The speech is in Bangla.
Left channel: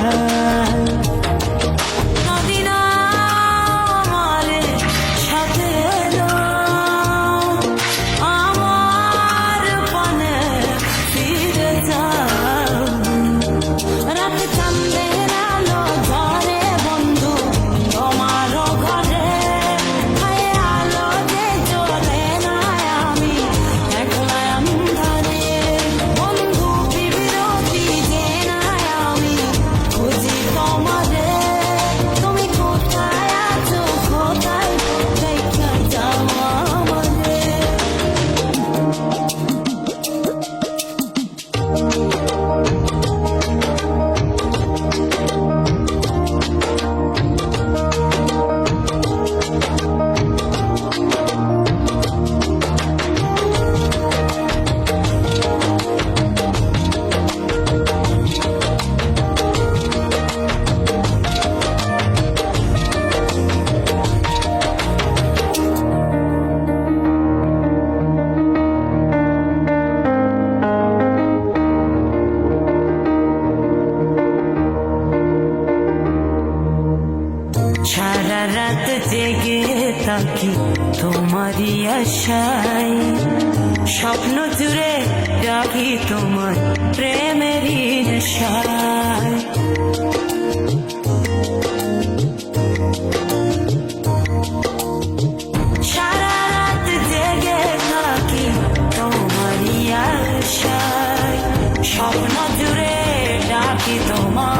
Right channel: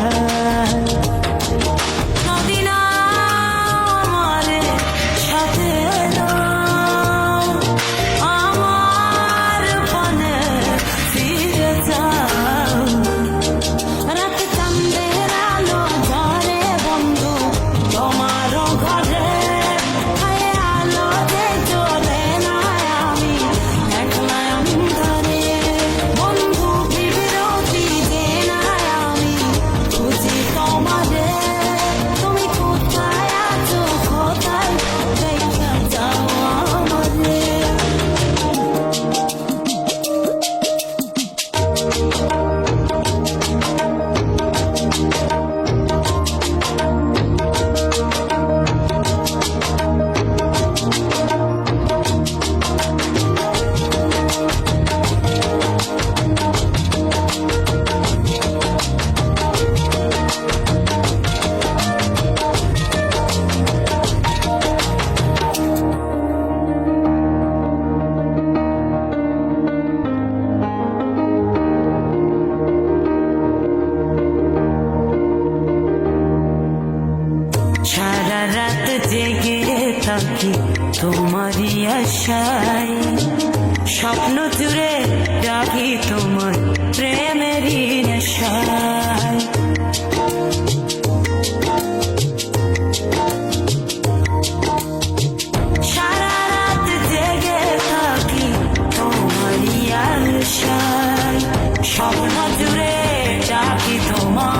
নেশায় নদীনা আমারে সাথে নাও, আমার পানে ফিরে যাও। রাতে চাঁদের আলো ঝরে বন্ধু তোমার ঘরে, হায় আলো যে জ্বলে না আমি একলা অন্ধকারে। বন্ধু বিরতি যে না আমি খুঁজি তোমারে, তুমি কোথায় আছো কোথায় দেখা যাও আমারে। সারা রাত জেগে থাকি তোমারই আশায়, স্বপ্ন জুড়ে রাখি তোমার প্রেমেরই নেশায়। সারা রাত জেগে থাকি তোমারই আশায়, স্বপ্ন জুড়ে রাখি তোমার